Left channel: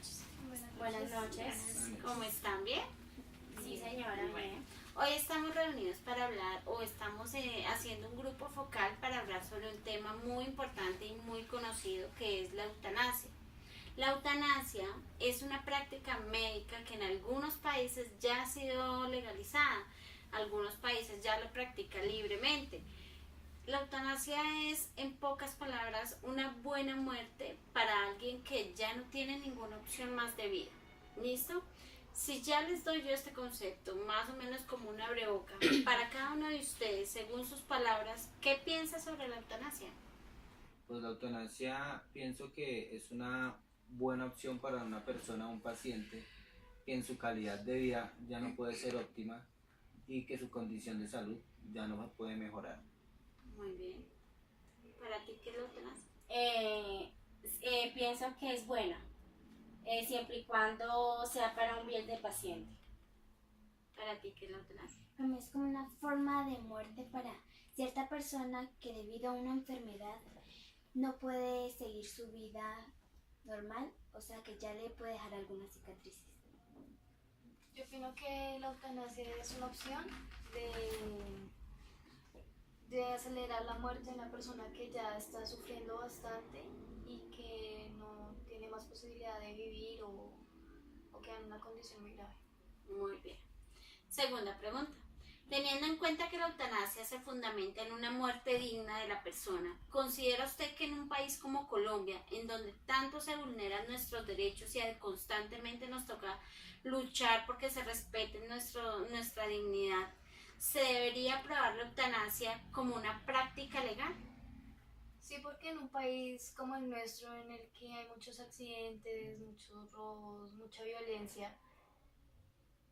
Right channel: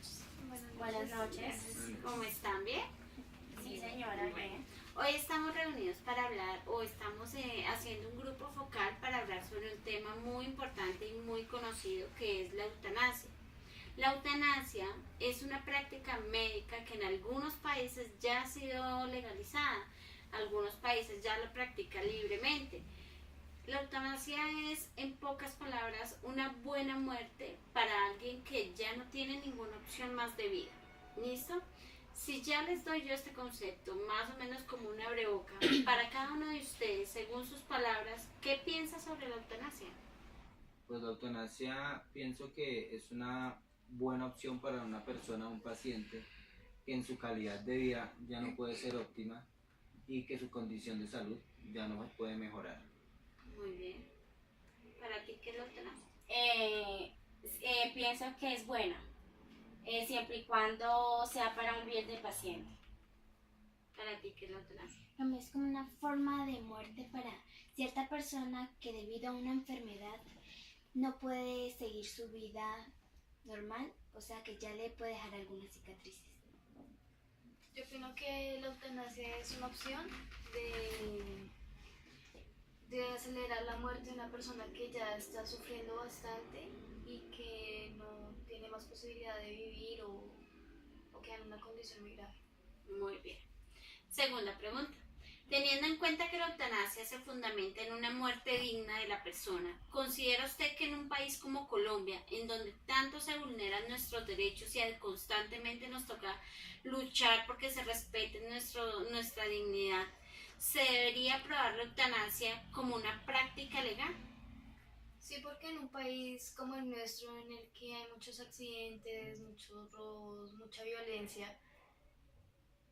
noches. Buenas noches. ¿Cómo están? ¿Bien? Sí, señora, bien. Hoy estamos reunidos para hablar, o estamos haciendo un grupo focal para hablar sobre un tema muy importante y muy conocido, que es la eutanasia. La eutanasia es una práctica médica que en algunos países ya ha sido legalizada, algunos países ya la practican libremente. La eutanasia es, en pocas palabras, una buena muerte para alguien que ya no tiene ninguna opción más de vida. ¿Listo? Si ya les doy yo este concepto, más o menos como una abreboca, para cada uno de ustedes, según sus palabras, ¿qué piensa sobre la eutanasia? Pues la eutanasia pienso que es una buena opción para una persona, un paciente, que en su calidad de vida ya no puede ser óptima y que su condición de salud ya no puede mejorar. Muy bien. ¿Para ti qué es la eutanasia? Pienso que es buena, siempre y cuando sea para un bien del paciente. ¿Para ti qué es la eutanasia? Para mí es como una forma de muerte para cierta persona que debido a una enfermedad no puede seguir su vida normal, o sea que ya le puede dejar algunas cicatrices. Yo opino que la eutanasia es una opción de acelerar la muerte de una persona que ya está sufriendo bastante y que no tiene más posibilidad de vivir o queda en una condición muy grave. Muy bien. Segunda pregunta. Teniendo en cuenta que la eutanasia se fundamenta en una muerte digna de la persona, ¿considera usted que en un país como Colombia, en donde tanto se vulneran nuestros derechos y constantemente nos toca luchar porque se respete nuestra dignidad, se debería aprobar la eutanasia como una práctica legal? Sí, porque en un país como el nuestro, en el que hay muchos accidentes, muchos robos, mucha violencia,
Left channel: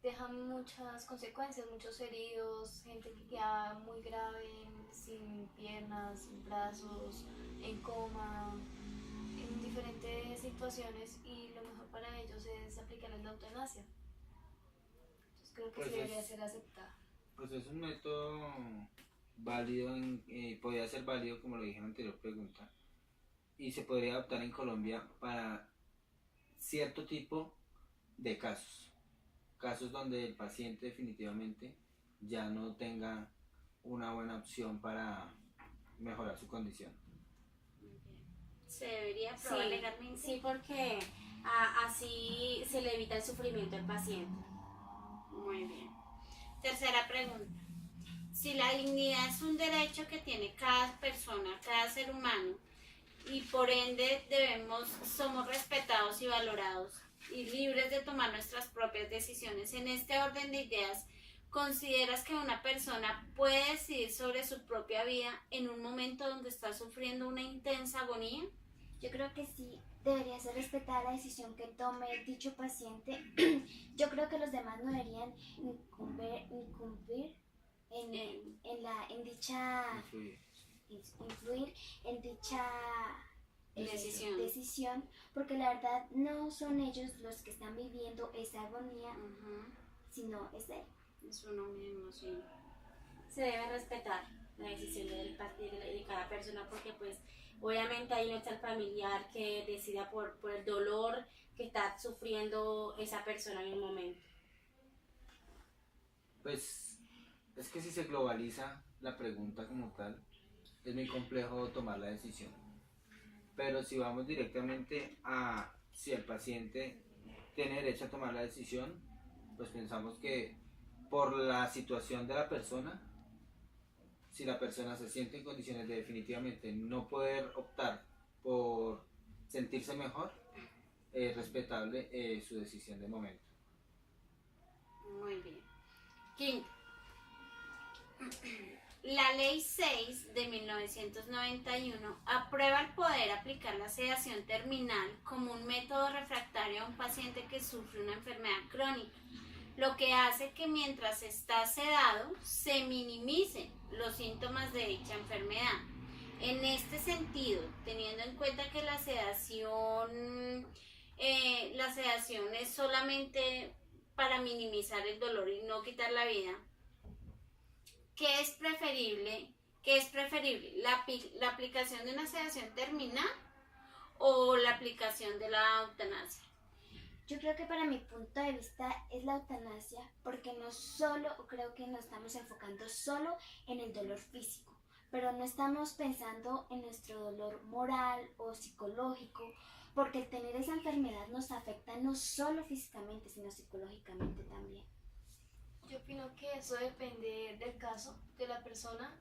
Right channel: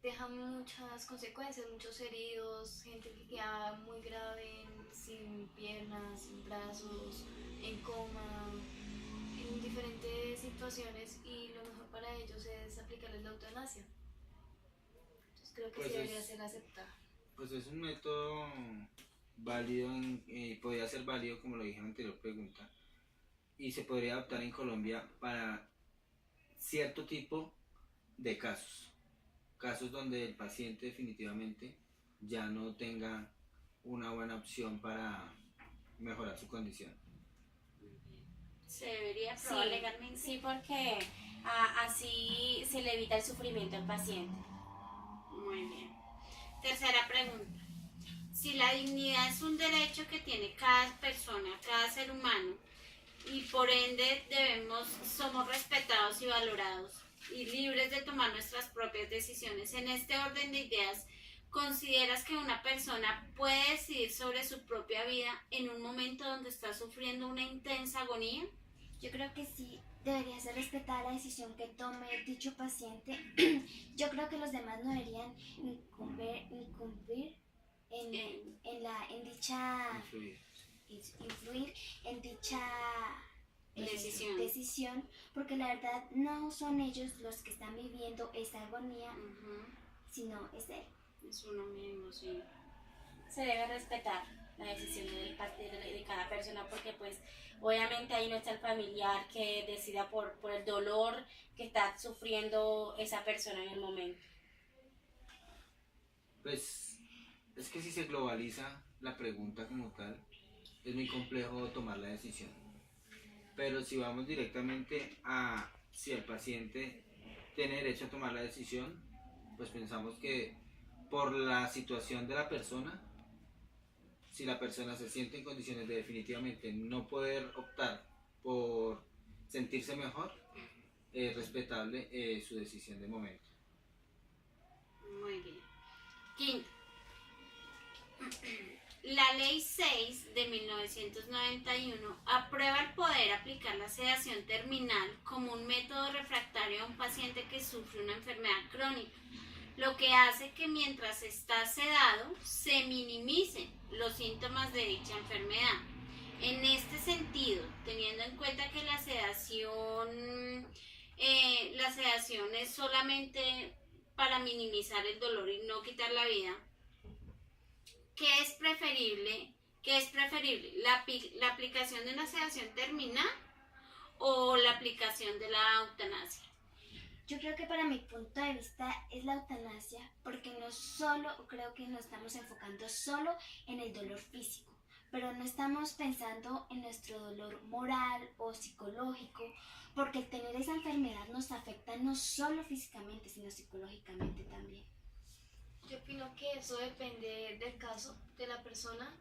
deja muchas consecuencias, muchos heridos, gente que queda muy grave, sin piernas, sin brazos, en coma, en diferentes situaciones, y lo mejor para ellos es aplicarles la eutanasia. Entonces creo que Pues sí debería ser aceptada. Pues es un método válido, podría ser válido como lo dije en la anterior pregunta, y se podría adoptar en Colombia para cierto tipo de casos donde el paciente definitivamente ya no tenga una buena opción para mejorar su condición. ¿Se debería aprobar Sí, legalmente? sí, porque así se le evita el sufrimiento al paciente. Muy bien. Tercera pregunta. Si la dignidad es un derecho que tiene cada persona, cada ser humano, y por ende somos respetados y valorados y libres de tomar nuestras propias decisiones, en este orden de ideas, ¿consideras que una persona puede decidir sobre su propia vida en un momento donde está sufriendo una intensa agonía? Yo creo que sí debería ser respetada la decisión que tome dicho paciente. Yo creo que los demás no deberían influir en dicha decisión, porque la verdad no son ellos los que están viviendo esa agonía, sino es él. Es uno mismo, sí. Se debe respetar la decisión de cada persona, porque pues obviamente ahí no está el familiar que decida por el dolor que está sufriendo esa persona en el momento. Pues es que si se globaliza la pregunta como tal, es muy complejo tomar la decisión. Pero si vamos directamente a si el paciente tiene derecho a tomar la decisión, pues pensamos que por la situación de la persona, si la persona se siente en condiciones de definitivamente no poder optar por sentirse mejor, es respetable su decisión de momento. Muy bien. Quinto. La Ley 6 de 1991 aprueba el poder aplicar la sedación terminal como un método refractario a un paciente que sufre una enfermedad crónica, lo que hace que mientras está sedado se minimicen los síntomas de dicha enfermedad. En este sentido, teniendo en cuenta que la sedación es solamente para minimizar el dolor y no quitar la vida, ¿qué es preferible? ¿La aplicación de una sedación terminal o la aplicación de la eutanasia? Yo creo que para mi punto de vista es la eutanasia porque no solo, creo que nos estamos enfocando solo en el dolor físico, pero no estamos pensando en nuestro dolor moral o psicológico, porque el tener esa enfermedad nos afecta no solo físicamente, sino psicológicamente también. Yo opino que eso depende del caso de la persona.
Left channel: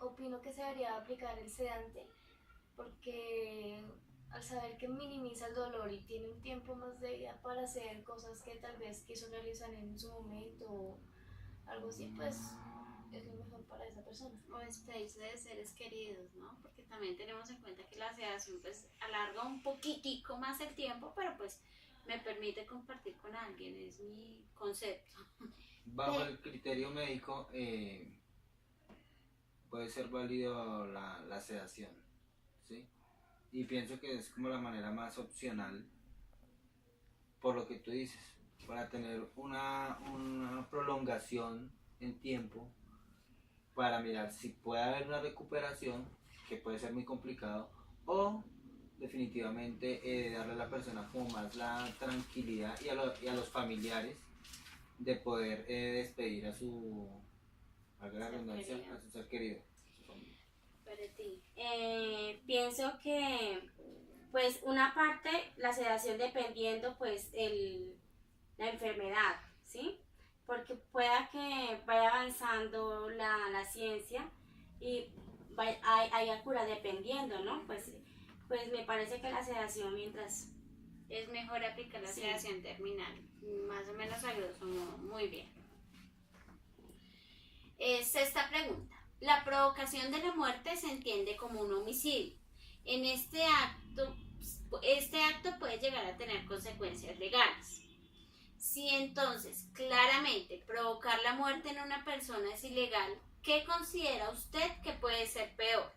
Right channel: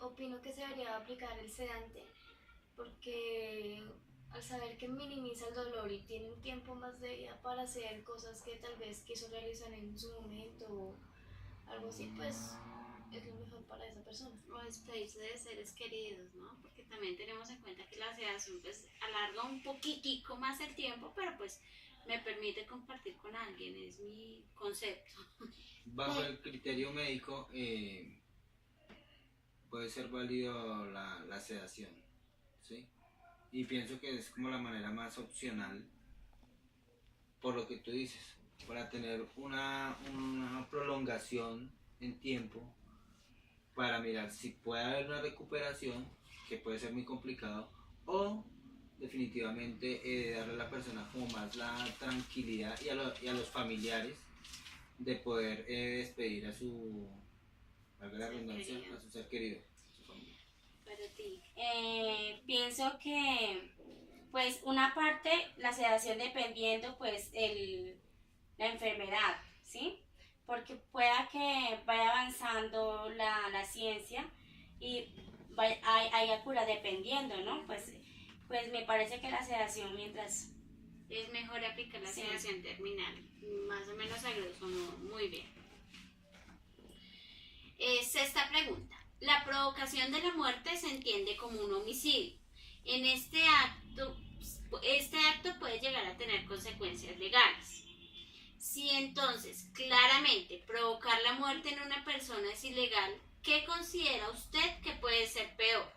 Opino que se debería aplicar el sedante porque al saber que minimiza el dolor y tiene un tiempo más de vida para hacer cosas que tal vez quiso realizar en su momento o algo así, pues es lo mejor para esa persona. O despedirse de seres queridos, ¿no? Porque también tenemos en cuenta que la sedación pues alarga un poquitico más el tiempo, pero pues me permite compartir con alguien, es mi concepto. Bajo el criterio médico puede ser válido la sedación, ¿sí? Y pienso que es como la manera más opcional, por lo que tú dices, para tener una prolongación en tiempo, para mirar si puede haber una recuperación, que puede ser muy complicado, o definitivamente darle a la persona como más la tranquilidad y a los familiares de poder despedir a su, valga la Ser redundancia, querido. a su ser querido, a su familia. Para ti. Pienso que pues una parte la sedación dependiendo pues la enfermedad, ¿sí? Porque pueda que vaya avanzando la ciencia y haya cura dependiendo, ¿no? Pues me parece que la sedación mientras... Es mejor aplicar la Sí. sedación terminal, más o menos a grosso modo. Muy bien. Sexta pregunta. La provocación de la muerte se entiende como un homicidio. En este acto puede llegar a tener consecuencias legales. Si entonces claramente provocar la muerte en una persona es ilegal, ¿qué considera usted que puede ser peor?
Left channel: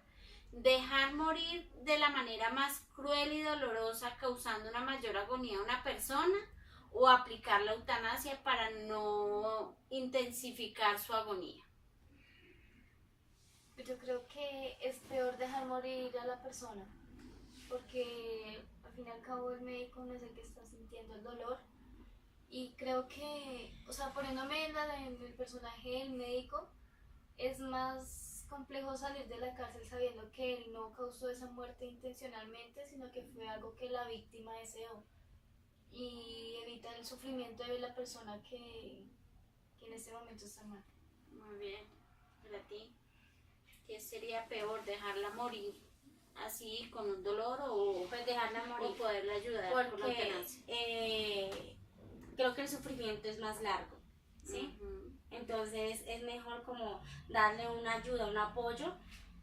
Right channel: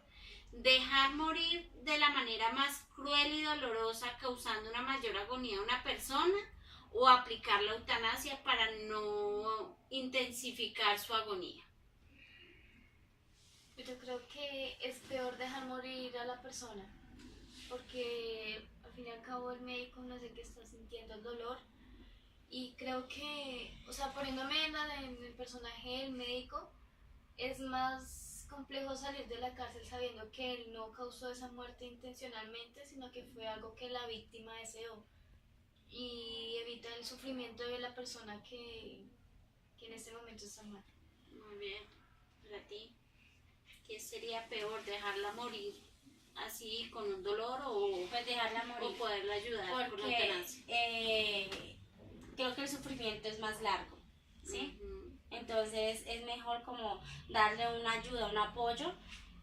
¿Dejar morir de la manera más cruel y dolorosa causando una mayor agonía a una persona? ¿O aplicar la eutanasia para no intensificar su agonía? Yo creo que es peor dejar morir a la persona, porque al fin y al cabo el médico no es el que está sintiendo el dolor. Y creo que, o sea, poniéndome en el personaje del médico, es más complejo salir de la cárcel sabiendo que él no causó esa muerte intencionalmente, sino que fue algo que la víctima deseó. Y evita el sufrimiento de la persona que en este momento está mal. Muy bien. Para ti, ¿qué sería peor? ¿Dejarla morir así con un dolor o, Pues dejarla morir. o poderla ayudar con la Porque eutanasia? creo que el sufrimiento es más largo, ¿sí? Ujú. Entonces es mejor como darle una ayuda, un apoyo,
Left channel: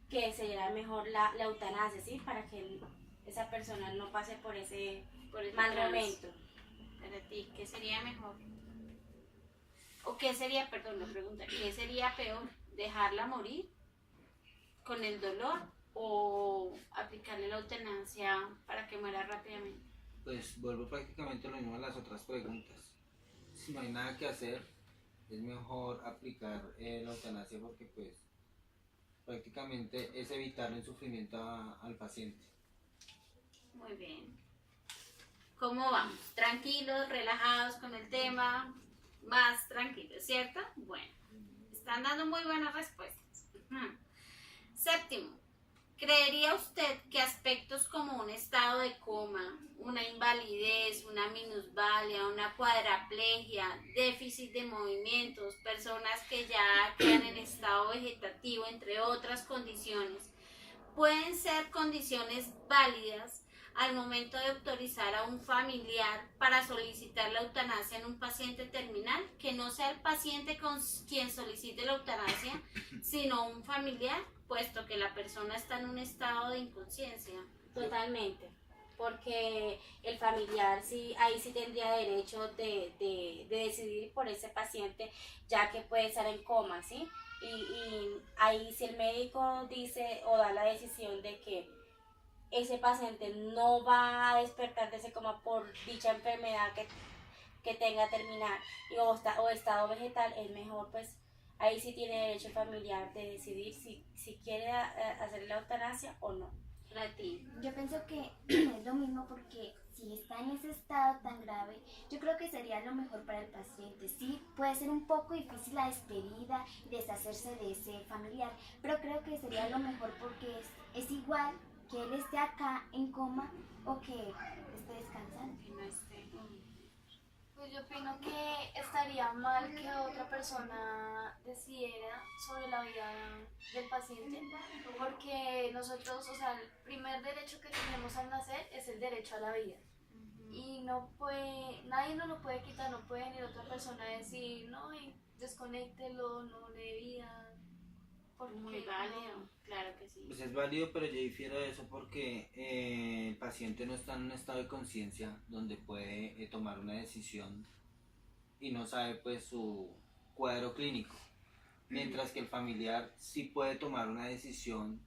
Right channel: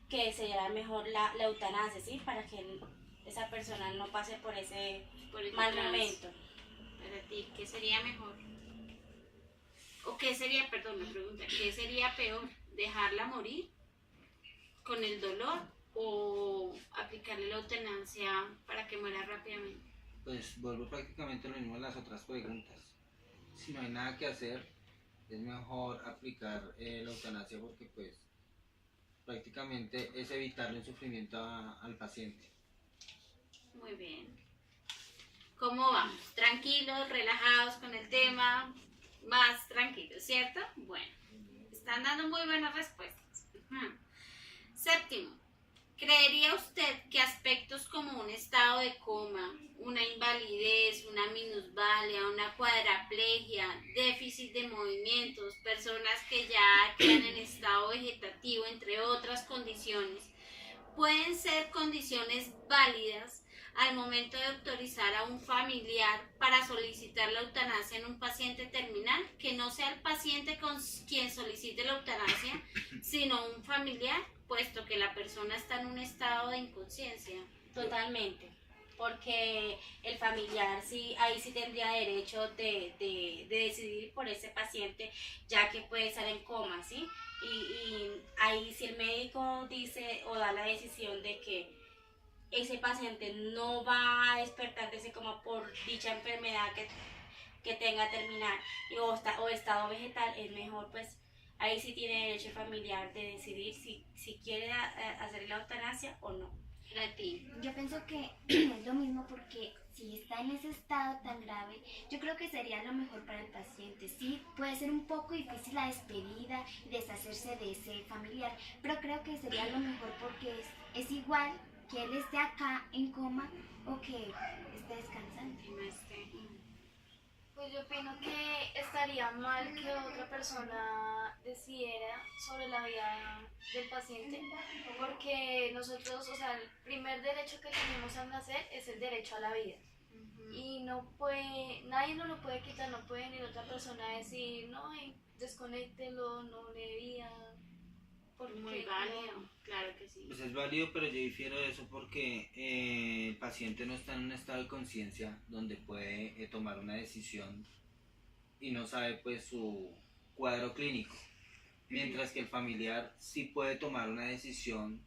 que sería mejor la eutanasia, ¿sí? Para que esa persona no pase por ese Por ese mal trance. momento. Para ti, ¿qué sería mejor? ¿O qué sería, perdón, la pregunta, ¿qué sería peor? ¿Dejarla morir con el dolor o aplicarle la eutanasia para que muera rápidamente? Pues vuelvo prácticamente a lo mismo en las otras preguntas. Si no hay nada que hacer, es mejor aplicar la eutanasia porque pues prácticamente es evitarle el sufrimiento al paciente. Muy bien. ¿Cómo vamos? ¿Tranquilos, relajados con el tema? Más tranquilos, ¿cierto? Bueno, están dando muy buenas respuestas. Ujú. Séptimo, ¿creería usted que aspectos como un estado de coma, una invalidez, una minusvalía, una cuadraplegia, déficit de movimientos, personas que ya quedan en estado vegetativo, entre otras condiciones, pueden ser condiciones válidas al momento de autorizar a un familiar para solicitar la eutanasia en un paciente terminal, que no sea el paciente con quien solicite la eutanasia, sino un familiar, puesto que la persona está en un estado de inconsciencia? Totalmente, porque el familiar sí, ahí sí tendría derecho de decidir por ese paciente, ya que puede estar en coma, ¿sí? Y ahí si el médico dice o da la decisión de que ese paciente no va a despertar de ese coma por dicha enfermedad que tenga terminal o estado vegetal, es mejor pues ahí sí tiene derecho el familiar de decidir si quiere hacer la eutanasia o no. Para ti. Yo pienso que es lo mismo porque si está en ese estado tan grave, yo creo que sería lo mejor para el paciente. Sí, puede ser un poco difícil la despedida y deshacerse de ese familiar, pero creo que sería lo mejor porque es igual que él esté acá en coma o que esté descansando. Que no esté. Pues yo opino que estaría mal que otra persona decidiera sobre la vida del paciente, porque nosotros, o sea, el primer derecho que tenemos al nacer es el derecho a la vida. Y no puede, nadie nos lo puede quitar, no puede venir otra persona a decir, no, desconéctelo, no le dé vida. Porque Muy válido, claro que sí. Pues es válido, pero yo difiero de eso porque el paciente no está en un estado de conciencia donde puede tomar una decisión y no sabe pues su cuadro clínico. Mientras que el familiar sí puede tomar una decisión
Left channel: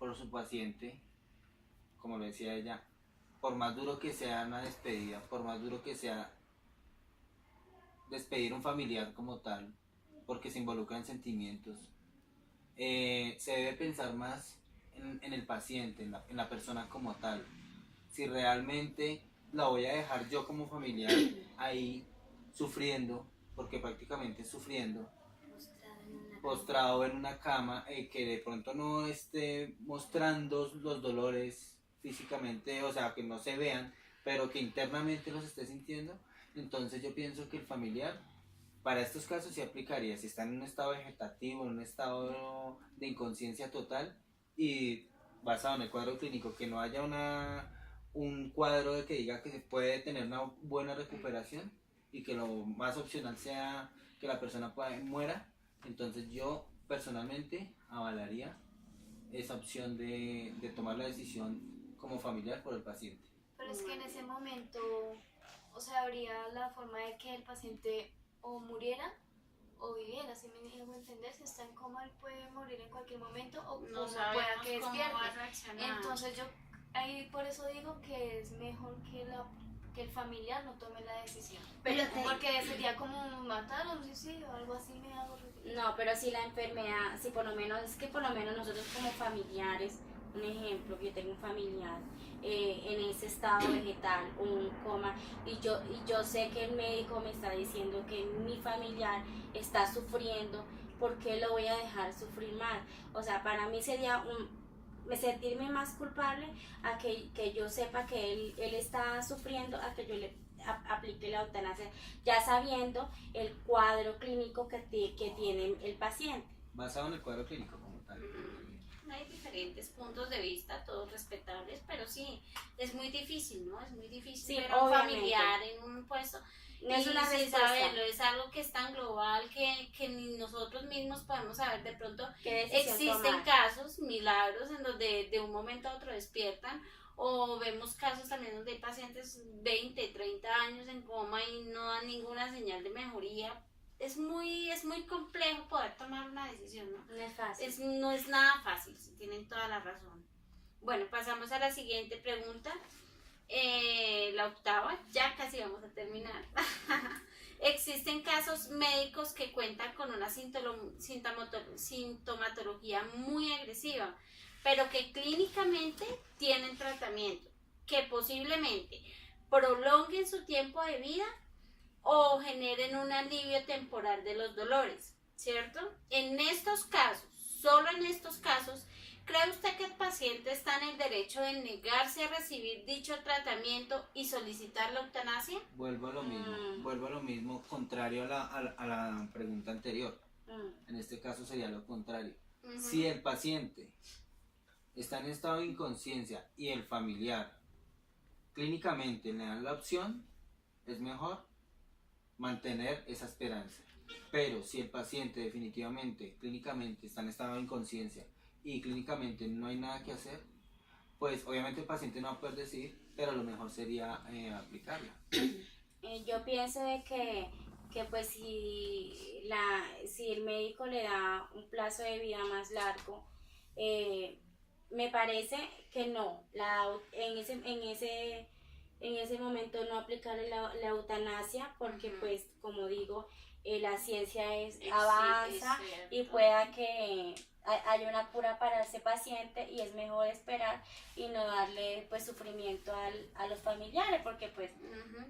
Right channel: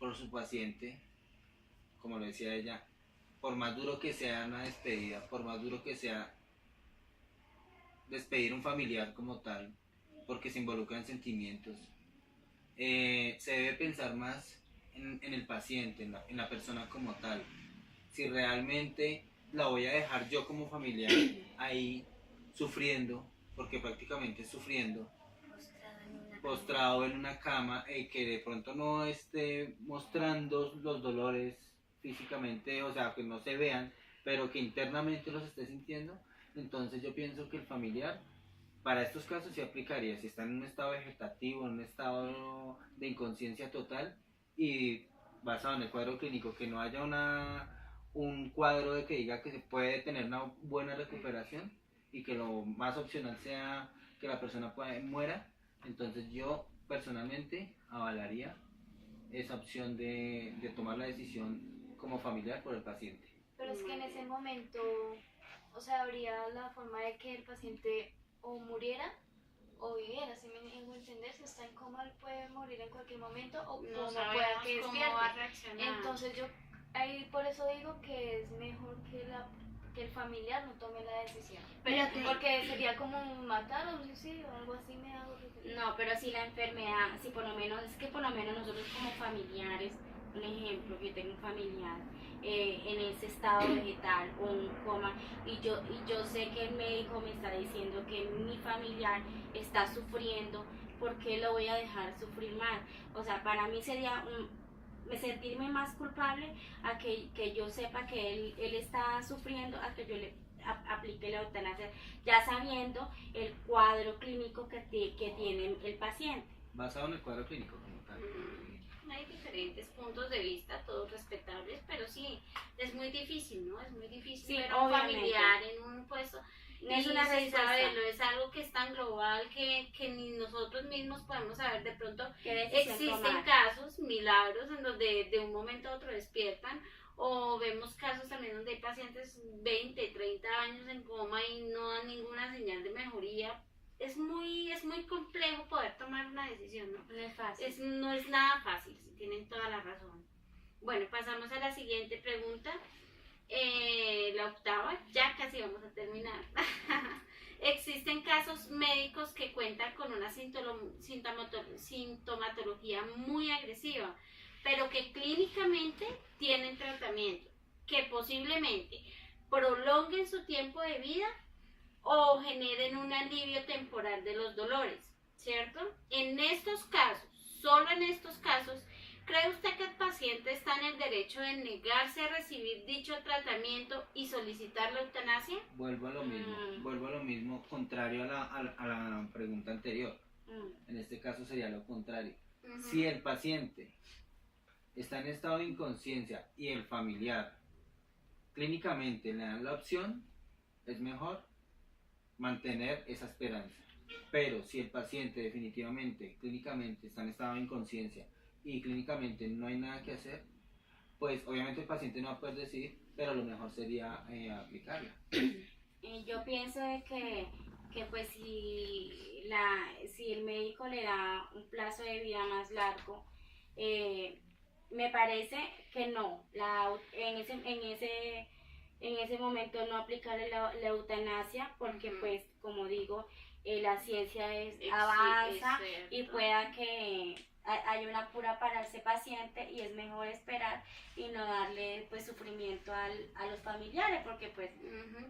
por su paciente, como lo decía ella, por más duro que sea una despedida, por más duro que sea despedir un familiar como tal, porque se involucra en sentimientos, se debe pensar más en el paciente, en la persona como tal. Si realmente la voy a dejar yo como familiar ahí sufriendo, porque prácticamente sufriendo, postrado en una cama, que de pronto no esté mostrando los dolores físicamente, o sea, que no se vean, pero que internamente los esté sintiendo, entonces yo pienso que el familiar, para estos casos sí aplicaría, si está en un estado vegetativo, en un estado de inconsciencia total y basado en el cuadro clínico, que no haya un cuadro de que diga que se puede tener una buena recuperación y que lo más opcional sea que la persona muera, entonces yo personalmente avalaría esa opción de tomar la decisión como familiar por el paciente. Pero es que en ese momento, o sea, habría la forma de que el paciente o muriera o viviera, si me dejo entender, si está en coma él puede morir en cualquier momento o No como pueda sabemos que cómo despierte. va a reaccionar. Entonces yo ahí por eso digo que es mejor que el familiar no tome la decisión. Pero Porque sería como matar o un suicidio, algo así me hago referir. No, pero si la enfermedad, si por lo menos, es que por lo menos nosotros como familiares, un ejemplo, yo tengo un familiar en ese estado vegetal o un coma y yo sé que el médico me está diciendo que mi familiar está sufriendo, ¿por qué lo voy a dejar sufrir más? O sea, para mí sería sentirme más culpable a que yo sepa que él está sufriendo, a que yo le aplique la eutanasia, ya sabiendo el cuadro clínico que tiene el paciente. Basado en el cuadro clínico como tal. Hay diferentes puntos de vista, todos respetables, pero sí, es muy difícil, ¿no? Es muy difícil Sí, ver a un obviamente. familiar en un puesto. No es Y una sin respuesta. saberlo, es algo que es tan global que ni nosotros mismos podemos saber. De pronto ¿Qué decisión existen tomar? casos, milagros, en donde de un momento a otro despiertan, o vemos casos también donde hay pacientes 20, 30 años en coma y no dan ninguna señal de mejoría. Es muy complejo poder tomar una decisión, ¿no? No es fácil. No es nada fácil, sí, tienen toda la razón. Bueno, pasamos a la siguiente pregunta. La octava, ya casi vamos a terminar. Existen casos médicos que cuentan con una sintomatología muy agresiva, pero que clínicamente tienen tratamiento, que posiblemente prolonguen su tiempo de vida o generen un alivio temporal de los dolores, ¿cierto? En estos casos, solo en estos casos, ¿cree usted que el paciente está en el derecho de negarse a recibir dicho tratamiento y solicitar la eutanasia? Vuelvo a lo mismo, contrario a la pregunta anterior. En este caso sería lo contrario. Si el paciente está en estado de inconsciencia y el familiar clínicamente le dan la opción, es mejor mantener esa esperanza. Pero si el paciente definitivamente, clínicamente está en estado de inconsciencia y clínicamente no hay nada que hacer, pues obviamente el paciente no va a poder decidir, pero lo mejor sería aplicarla. Yo pienso de que pues si el médico le da un plazo de vida más largo, me parece que no, en ese momento no aplicarle la eutanasia, porque pues como digo, la ciencia avanza y pueda que hay una cura para ese paciente y es mejor esperar y no darle pues sufrimiento a los familiares, porque pues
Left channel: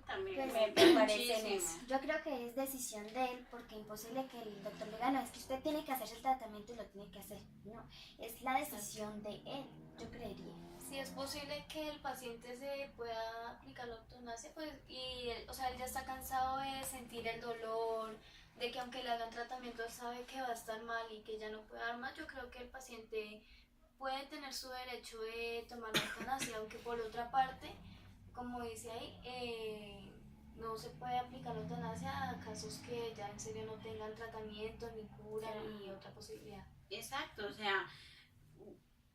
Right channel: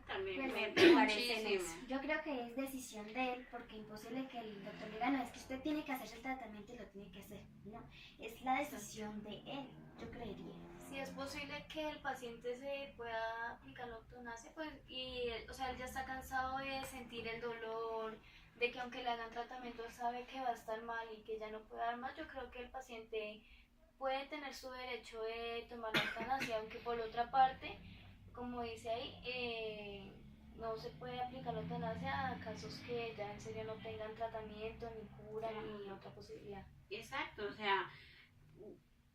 También me parece en eso. Yo creo que es decisión de él, porque imposible que el doctor le diga, no, es que usted tiene que hacerse el tratamiento y lo tiene que hacer. No, es la decisión de él, yo creería. Si es posible que el paciente se pueda aplicar la eutanasia, pues, y él, o sea, él ya está cansado de sentir el dolor, de que aunque le hagan tratamiento sabe que va a estar mal y que ya no puede dar más. Yo creo que el paciente puede tener su derecho de tomar la eutanasia, aunque por otra parte, como dice ahí, no se puede aplicar la eutanasia a casos que ya en serio no tengan tratamiento, ni cura, ni otra posibilidad. Exacto, o sea,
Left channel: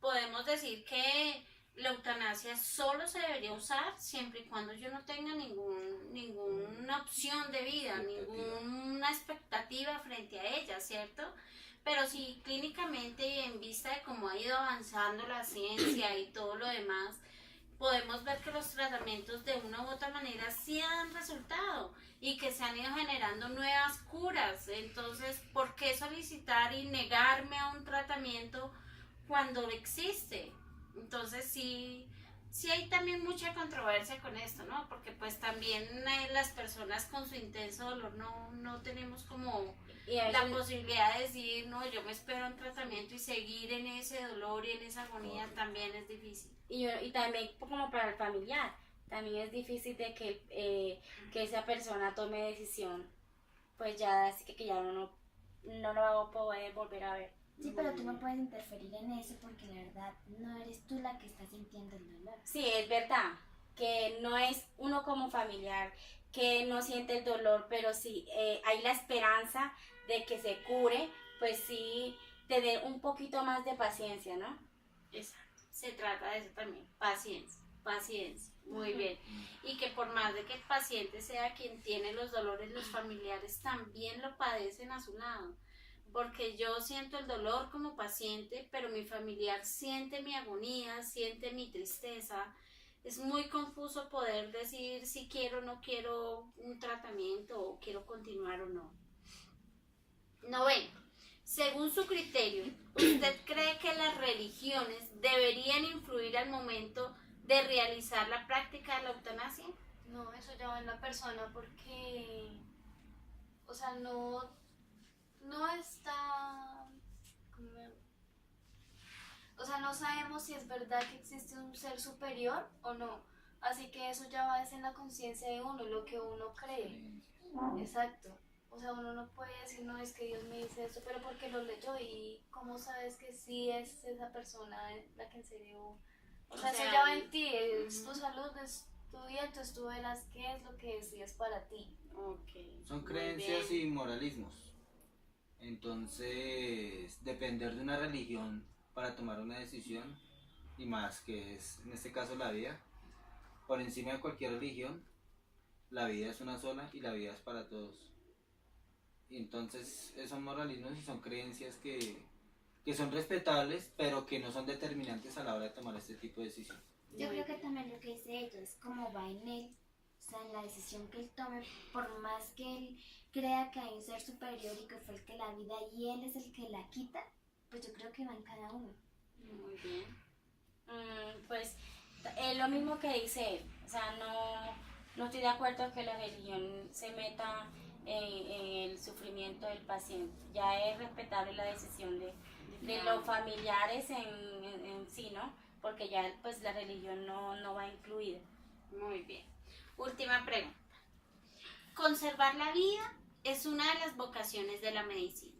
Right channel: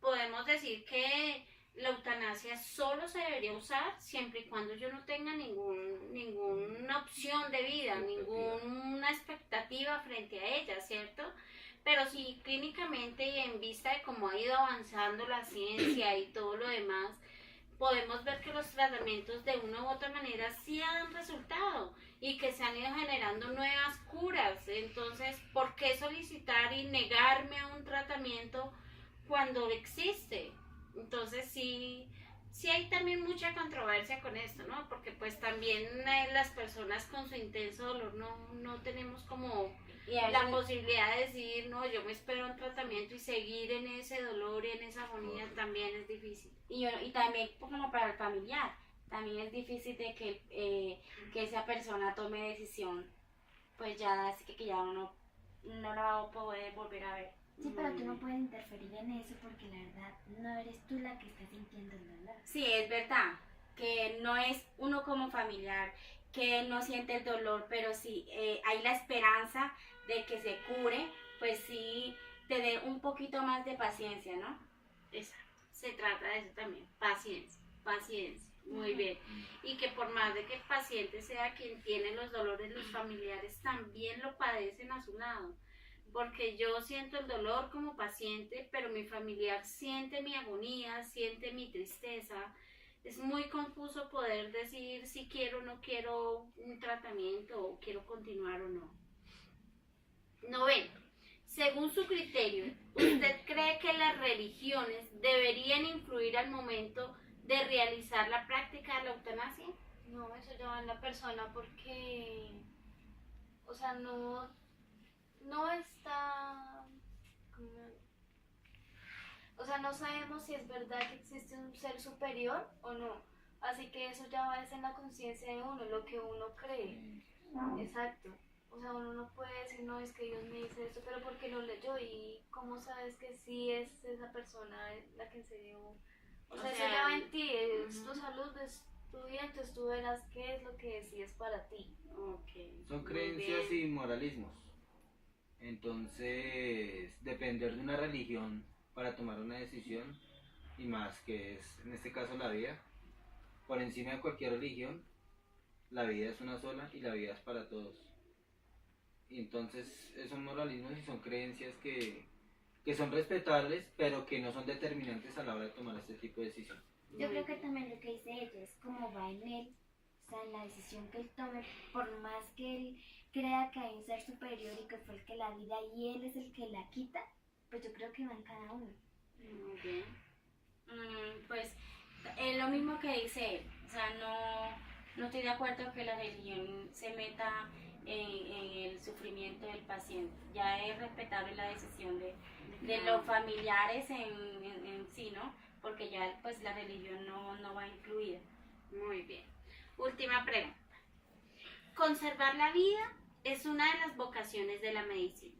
podemos decir que la eutanasia solo se debería usar siempre y cuando yo no tenga ninguna opción de vida, ninguna expectativa frente a ella, ¿cierto? Pero sí, clínicamente y en vista de cómo ha ido avanzando la ciencia y todo lo demás, podemos ver que los tratamientos de una u otra manera sí han resultado y que se han ido generando nuevas curas. Entonces, ¿por qué solicitar y negarme a un tratamiento cuando existe? Entonces sí hay también mucha controversia con esto, ¿no? Porque pues también las personas con su intenso dolor no tenemos como Y a la veces- posibilidad de decir, no, yo me espero un tratamiento y seguir en ese dolor y en esa agonía también es difícil. y también como para el familiar, también es difícil de que esa persona tome decisión, pues ya así que ya uno no lo va a poder volver a ver. Sí, pero tú no puedes interferir en eso porque la verdad no eres tú la que está sintiendo el dolor. Sí, es verdad, que no es uno como familiar que no siente el dolor, pero sí hay la esperanza de que se cure, pues sí tener un poquito más de paciencia, ¿no? Exacto. Se trata de eso también, paciencia, muy bien. Y que por más de que el paciente sea quien tiene los dolores, los familiares también lo padecen a su lado. Porque yo siento el dolor como paciente, pero mi familiar siente mi agonía, siente mi tristeza. Es muy confuso poder decir si quiero o no quiero un tratamiento o quiero continuar o no. Noveno, según su criterio, ¿usted cree que las religiones deberían influir al momento de realizar la práctica de la eutanasia? No, eso ya va en la persona porque, o sea, no está, o sea, no sabemos si es verdad que existe un ser superior o no. Así que eso ya va en la conciencia de uno, lo que uno cree. Exacto. O sea, uno no puede decir, no, es que Dios me dice esto, pero porque lo leyó y cómo sabes que sí es esa persona la que en serio... O sea, eso ya va en ti, es tu salud, es tu vida, entonces tú verás qué es lo que decides para ti. Ok. Son muy creencias bien. y moralismos. Entonces, depender de una religión para tomar una decisión, y más que es en este caso la vida, por encima de cualquier religión, la vida es una sola y la vida es para todos. Entonces, son moralismos y son creencias que son respetables, pero que no son determinantes a la hora de tomar este tipo de decisión. Yo Muy creo que bien. también lo que dice ella es como va en él, o sea, en la decisión que él tome, por más que él crea que hay un ser superior y que fue el que la vida y él es el que la quita, pues yo creo que va en cada uno. Muy bien. Pues es lo mismo que dice él, o sea, no estoy de acuerdo que la religión se meta en el sufrimiento del paciente, ya es respetable la decisión de los familiares en sí, ¿no? Porque ya pues la religión no va incluida. Muy bien. Última pregunta. Conservar la vida es una de las vocaciones de la medicina.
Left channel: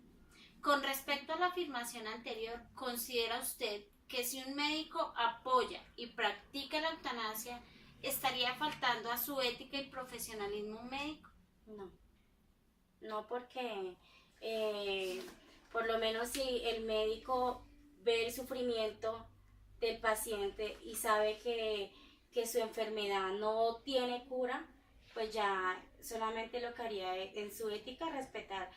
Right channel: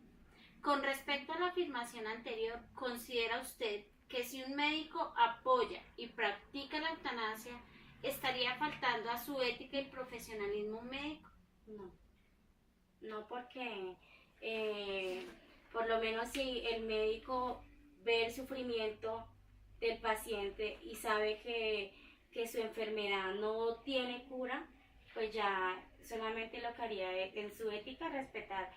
Con respecto a la afirmación anterior, ¿considera usted que si un médico apoya y practica la eutanasia, estaría faltando a su ética y profesionalismo médico? No porque por lo menos si el médico ve el sufrimiento del paciente y sabe que su enfermedad no tiene cura, pues ya solamente lo que haría es, en su ética, respetar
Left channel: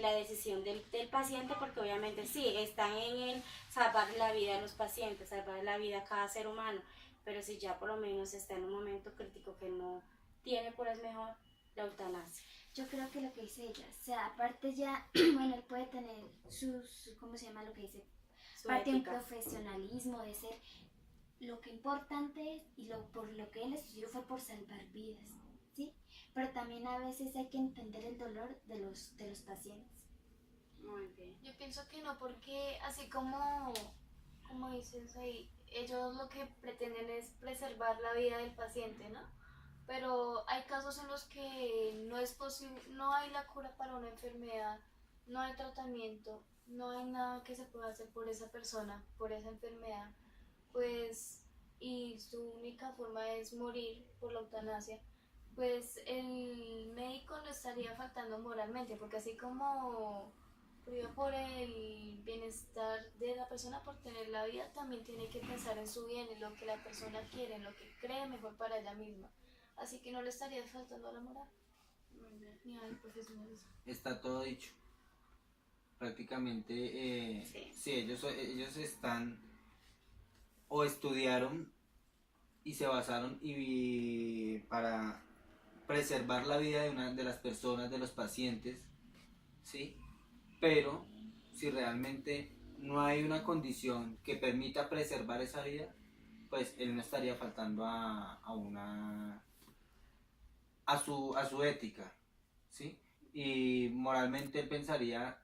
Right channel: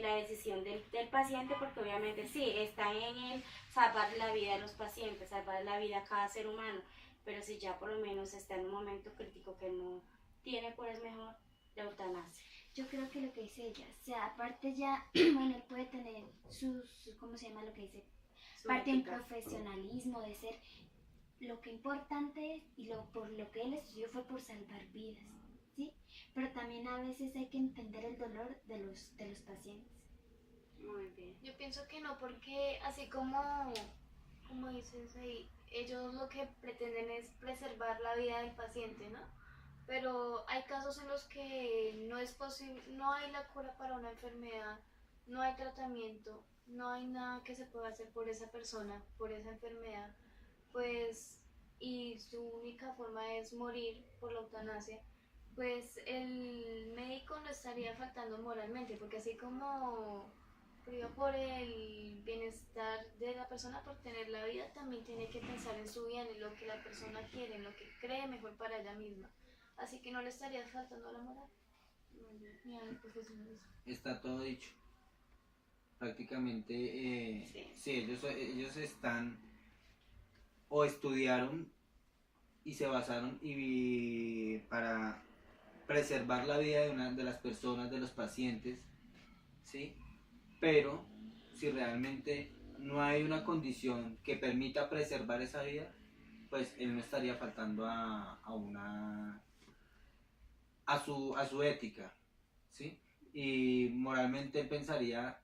la decisión del paciente, porque obviamente sí, está en él salvar la vida a los pacientes, salvar la vida a cada ser humano, pero si ya por lo menos está en un momento crítico que no tiene cura, es mejor la eutanasia. Yo creo que lo que dice ella, o sea, aparte ya, bueno, él puede tener ¿cómo se llama lo que dice? Su Parte de un ética. profesionalismo, de ser, lo que importante es, y por lo que él estudió fue por salvar vidas, ¿sí? Pero también a veces hay que entender el dolor de los pacientes. Muy bien. Yo pienso que no, porque así como dices ahí, ellos lo que pretenden es preservar la vida del paciente, ¿no? Pero hay casos en los que no es posible, no hay la cura para una enfermedad, no hay tratamiento, no hay nada que se pueda hacer por esa persona, por esa enfermedad, pues, y su única forma es morir por la eutanasia, pues el médico no estaría faltando moralmente, porque así como priva por el bienestar de la persona por tener la vida, también tiene que pensar en su bien, en lo que la persona quiere, en lo que cree mejor para ella misma. Así que no le estaría faltando a la moral Muy bien. ni al profesionalismo. Está todo dicho. Prácticamente, Sí. sí, ellos están o estudiaron y se basaron para preservar la vida de una de las personas, de los pacientes, ¿sí? Pero si realmente no hay una condición que permita preservar esa vida, pues él no estaría faltando a su ética, ¿sí? Y moralmente él pensaría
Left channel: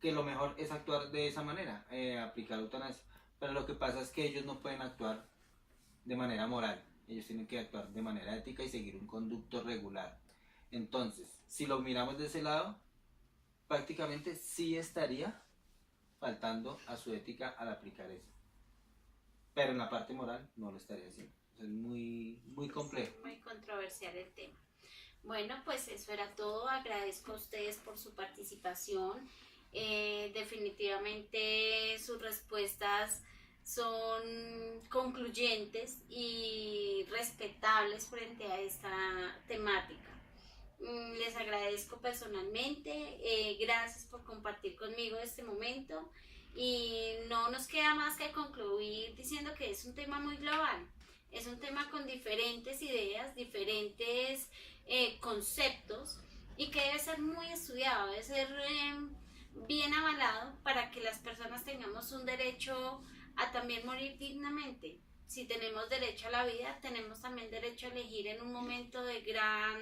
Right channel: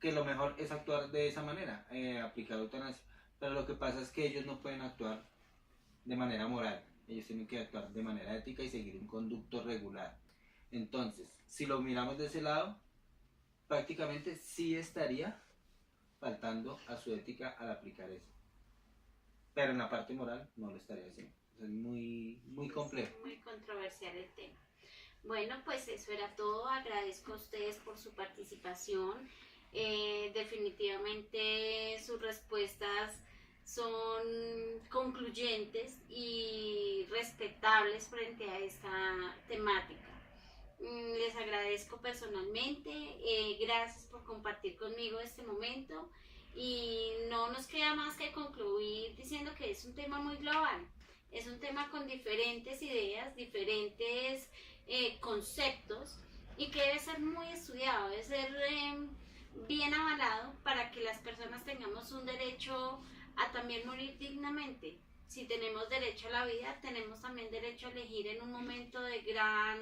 que lo mejor es actuar de esa manera, aplicar eutanasia. Pero lo que pasa es que ellos no pueden actuar de manera moral, ellos tienen que actuar de manera ética y seguir un conducto regular. Entonces, si lo miramos de ese lado, prácticamente sí estaría faltando a su ética al aplicar eso. Pero en la parte moral no lo estaría haciendo. Es muy complejo. Muy controversial el tema. Bueno, pues eso era todo. Agradezco a ustedes por su participación. Definitivamente sus respuestas son concluyentes y respetables frente a esta temática. Les agradezco personalmente, gracias por compartir conmigo este momento y no nos queda más que concluir diciendo que es un tema muy global, es un tema con diferentes ideas, diferentes conceptos y que debe ser muy estudiado, debe ser bien avalado para que las personas tengamos un derecho a también morir dignamente. Si tenemos derecho a la vida, tenemos también derecho a elegir en un momento de gran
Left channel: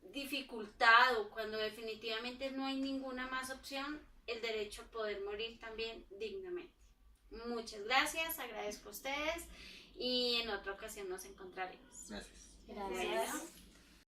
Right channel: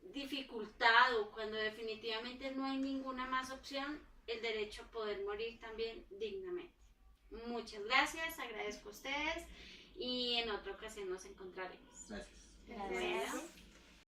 dificultad o cuando definitivamente no hay ninguna más opción, el derecho a poder morir también dignamente. Muchas gracias, agradezco a ustedes y en otra ocasión nos encontraremos. Gracias. Gracias. Bueno.